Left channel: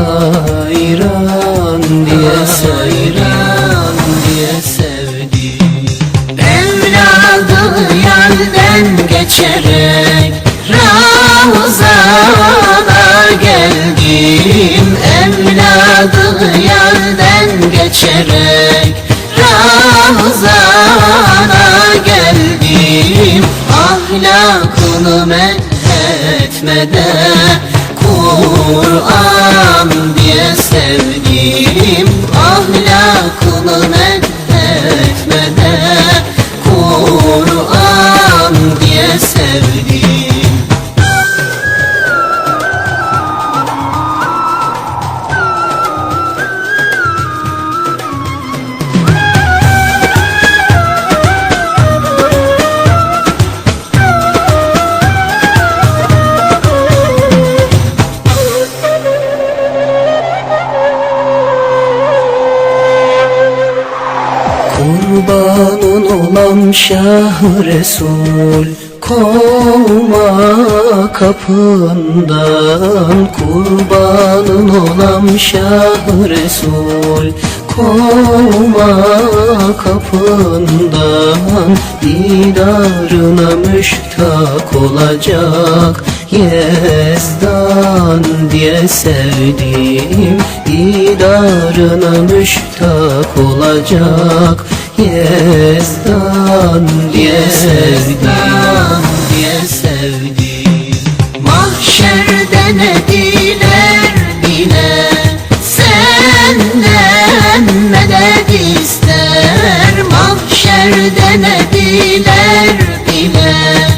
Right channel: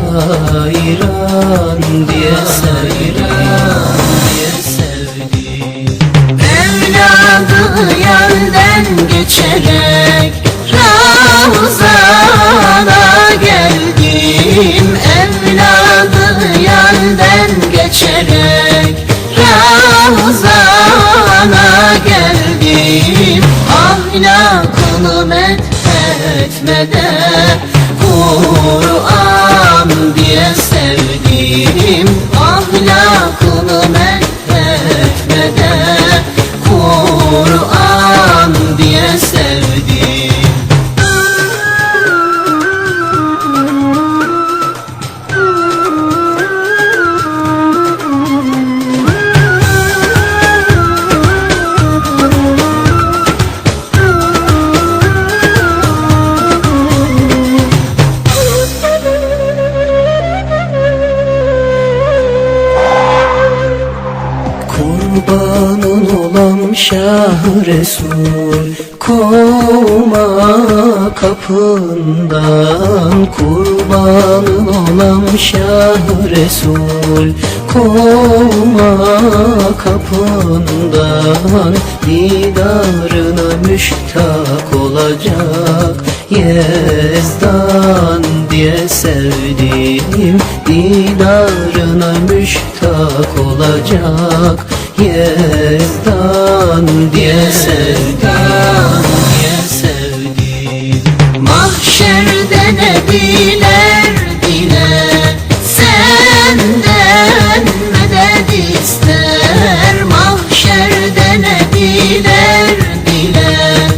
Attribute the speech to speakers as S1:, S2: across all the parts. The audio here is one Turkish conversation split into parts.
S1: Hayran diye hayran diye sevdim
S2: Evladı yerden geçerek Ramazan'a geldim. Evladı yerden geçerek Ramazan'a geldim. Ahlakını methetmeden Kur'an
S1: Kurbanın olan Şah Resul Kovma kapından. Kurbanın olan Şah Resul Kovma kapından. Didarına müştak olacak Yezdan diye sevdim Didarına müştak olacak Yezdan diye sevdim diye sevdim
S2: Mahşerde ne diler diler. Senden medet ister. Mahşerde ne diler diler.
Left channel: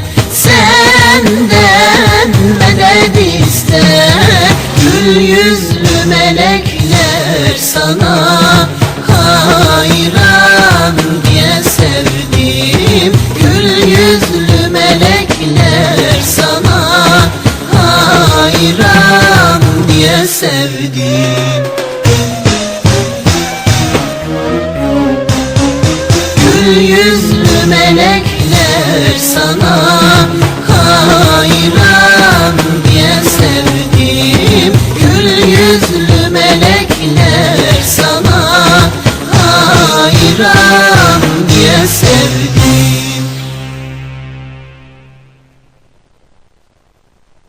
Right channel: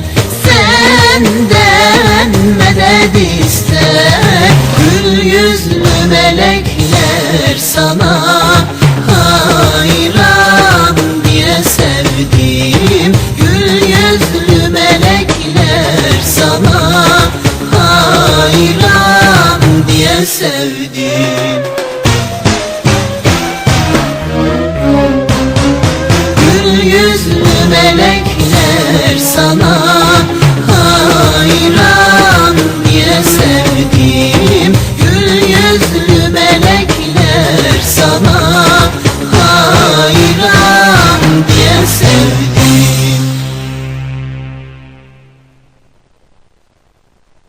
S2: Senden medet ister. Gül yüzlü melekler sana diye sevdim Gül yüzlü melekler sana